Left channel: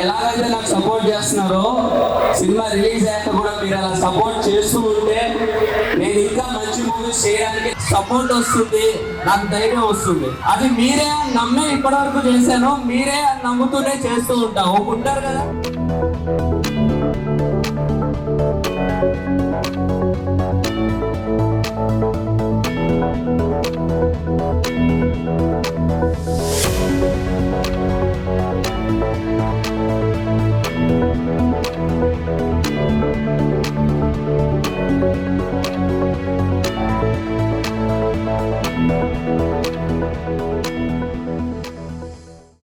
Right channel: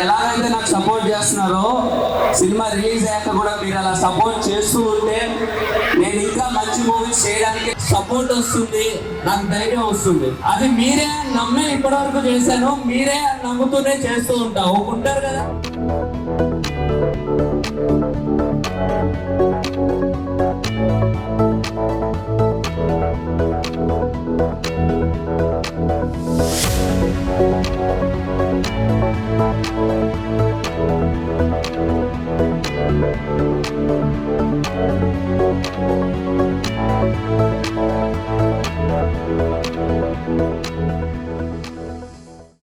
ఎలాగైతే నాకు సపోర్ట్ చేస్తున్నారో సినిమా రిలీజ్ అయ్యాక కూడా మీరు అలా సపోర్ట్ చేస్తూ ఉంటే నేను ఇంకా మంచి మూవీస్ చేయడానికి సపోర్ట్ వస్తుంది, నాకు ధైర్యం వస్తుంది. అది మీరే నమ్మి ఇప్పటివరకు చేశాను, మీరే నమ్ముతూనే చేస్తూ ఉంటారు కదా.